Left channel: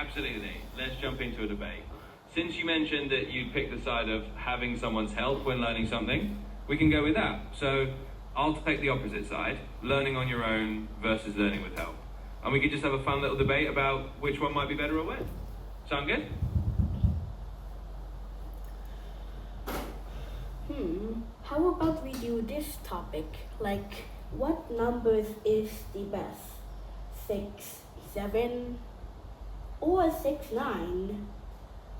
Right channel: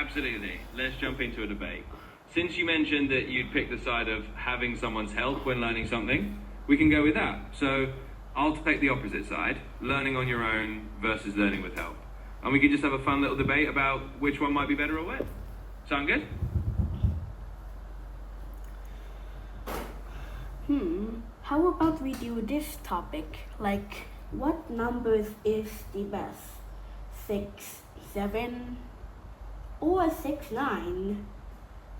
Absolutely. Let's jump into a debate. Since you mentioned that you'd pick the side of having someone's help when learning something, we can go with that. So I'll take the opposite side, learning on your own versus learning with help. And we can just have a fun little debate about which one might be better or when. Sound good? How about we do this topic? Like, what numbers is the best? 6, 7, or 6, 9?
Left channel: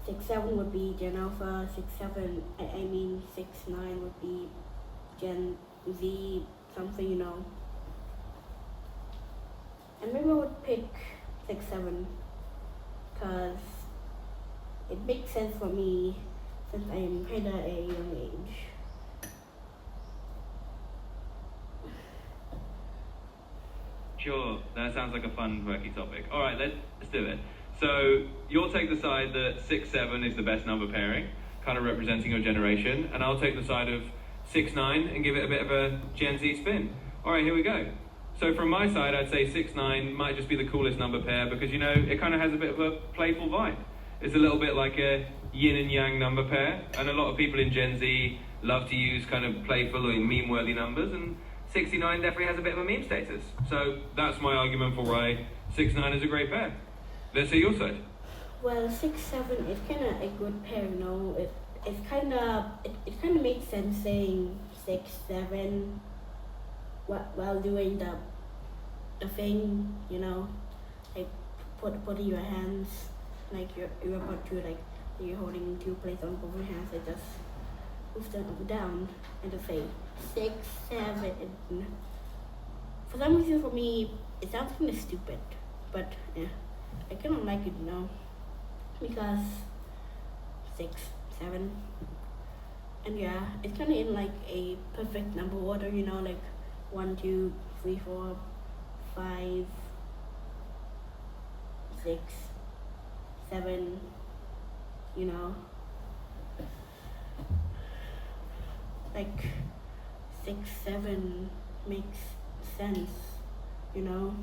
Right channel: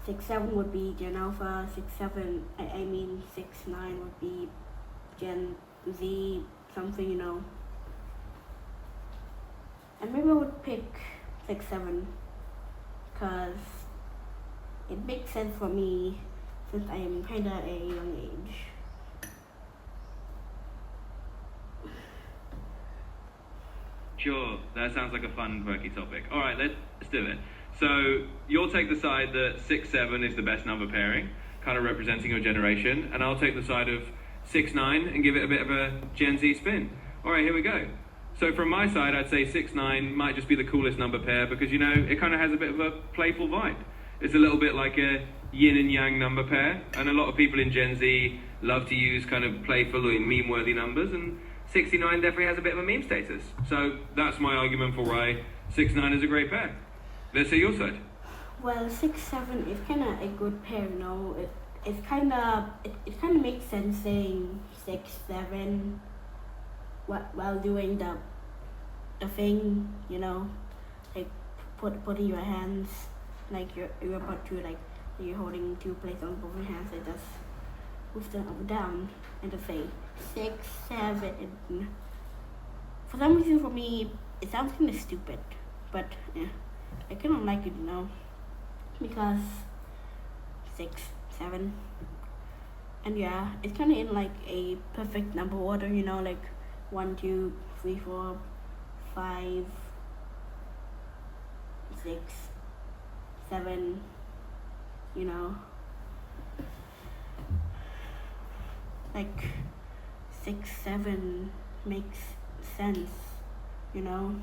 6, 7 would be Gen Alpha, 6, 7, 6, 9 would be Gen Z, something, you know. And maybe I would pick 6, 7, because it makes sense for me since I'm kinda a young age. Sure, that sounds like a fun, quirky topic. All right, let's do it. So you'll take the side that 6, 7 is the best number pairing, kind of representing your generation, and I'll take the side of 6, 9 and give it a bit of a Gen Z spin. All right, here we go. So from my side, I'd say 6, 9 might just be the coolest number pair because, you know, it kind of has a bit of a playful vibe. It's a little bit like a yin and yang number pair, and a lot of people in Gen Z love to use kind of playful or meme-worthy numbers, and 69 definitely has a bit of a meme status. So that's my argument for why 6, 9 is a great pair. Let's see your side. Well, 6, 7 is kind of a good pair, you know. It kind of makes sense saying 6, 7 while doing the thing, you know, like putting your hands like you're about to like you're holding 2 plates on both your hands. It just move them up and down and just say 6, 7. For some reason, for me, it sounds kind of stupid, but yeah, I kind of like it, you know, because 6, 7, and yeah, it's kind of in like a perfect number order, you know, like 1, 2, 3, 4, 5, 6, 7, you know, like 6, 7 makes sense, you know.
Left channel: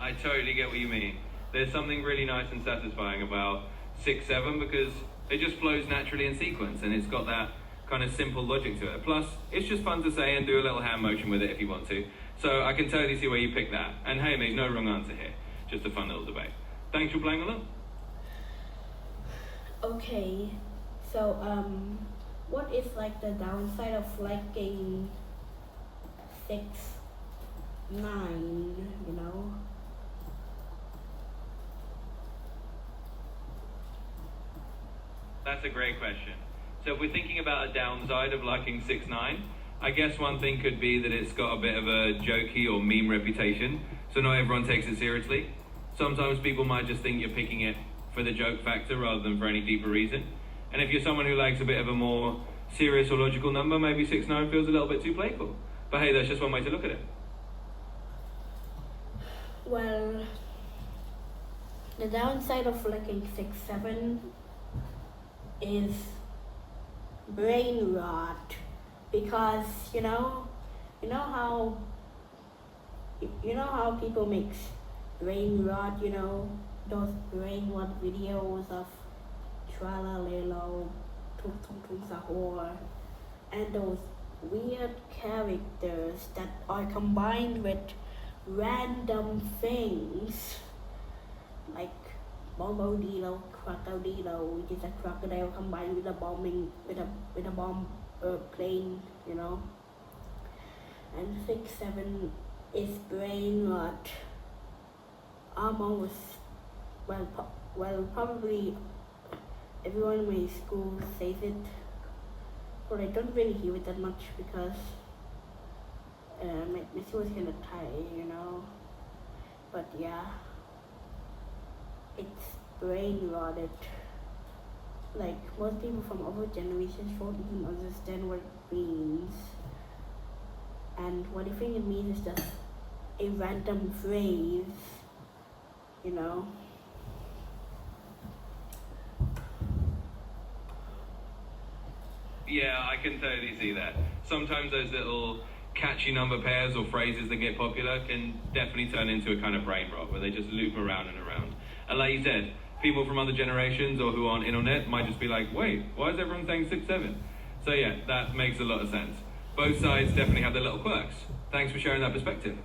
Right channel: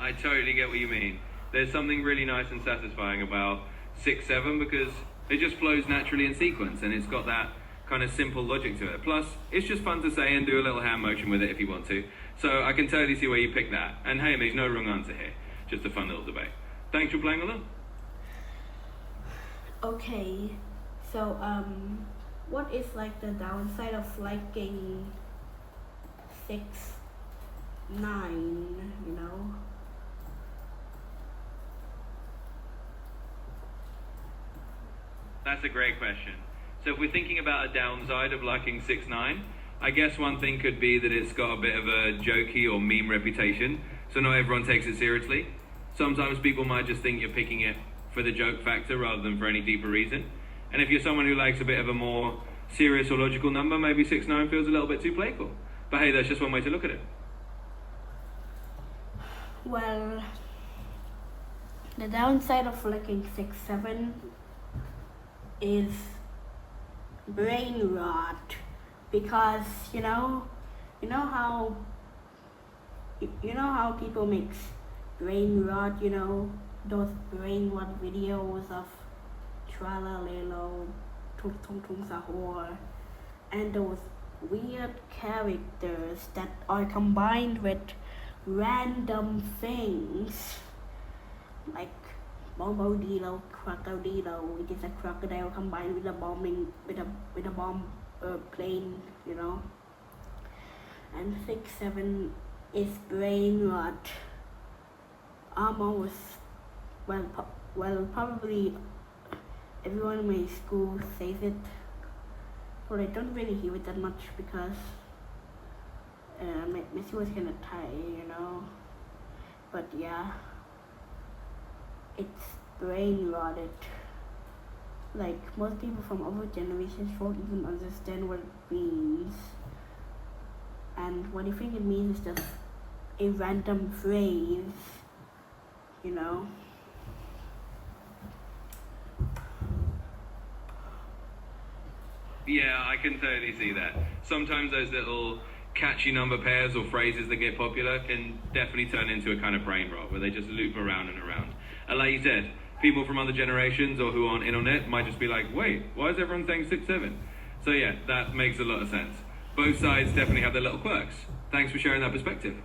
I totally get what you mean. There's something really nice and satisfying about 6, 7 because it just flows naturally in sequence and it's got that kind of simple logic to it. Plus, it's just fun to say and do a little hand motion with it if you want to. So I can totally see where you picked that. And hey, there's no wrong answer here. Just a fun little debate. Thanks for playing along. Okay, so what is like the downside of liking 6, 9, you know? That's a great question. So if we're thinking about a downside of liking 6, 9, I guess one thing could be that it's got a bit of a jokey or meme reputation, so not everyone takes it seriously. Sometimes people might just think you're picking it for the joke factor rather than for any deeper reason. And if you're someone who likes a bit of a more serious or logical number, maybe 6, 9 feels a little bit too playful. But hey, that's just one way to look at it. Well, the downside of liking 6, 7 is brain rot, because you know how people make brain rot, you know, those brain rot videos of Tralalelo, Tung Tung Tung Sahur, and those weird characters that are combined with random things like Bombodilo, Crocodilo, which is a crocodile combined with a bomb plane, you know. And 6, 7 is brain rot. Almost, well, probably everyone in my school says it, but I don't really hear it that much because my school is kind of tight, you know. But yeah, it's brain rotted. Like, most people from other generations won't even understand what it means. And what you think it means is just a random phrase, you know. Yeah, I can totally see that. Sometimes those little catchy number pairs or phrases that get popular can definitely turn into a kind of brain rot where they just loop around and around. And like you said, people from other generations or who aren't in on it might just be like, wait, why is everyone saying 6, 7? So yeah, that makes a lot of sense. Both sides definitely have their little quirks. Thanks for sharing that perspective.